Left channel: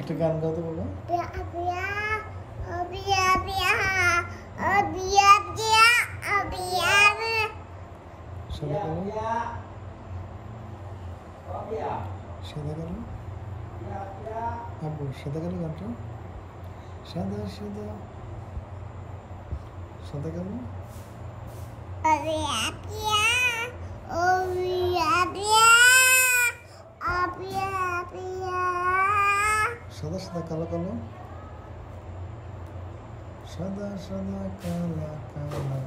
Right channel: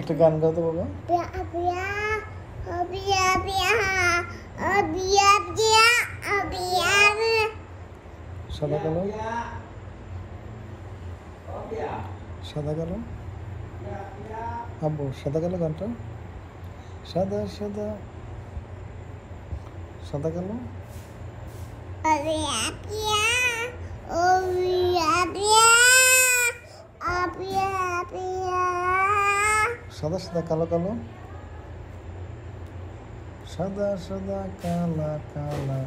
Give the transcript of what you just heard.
একটা গান গাও তো বাবা। সাদা কালো সাদা কালো আব্বু সাদা কালো গানটা সাদা সাদা সাদা কালো সাদা সাদা কালো কালো সাদা সাদা কালা কালা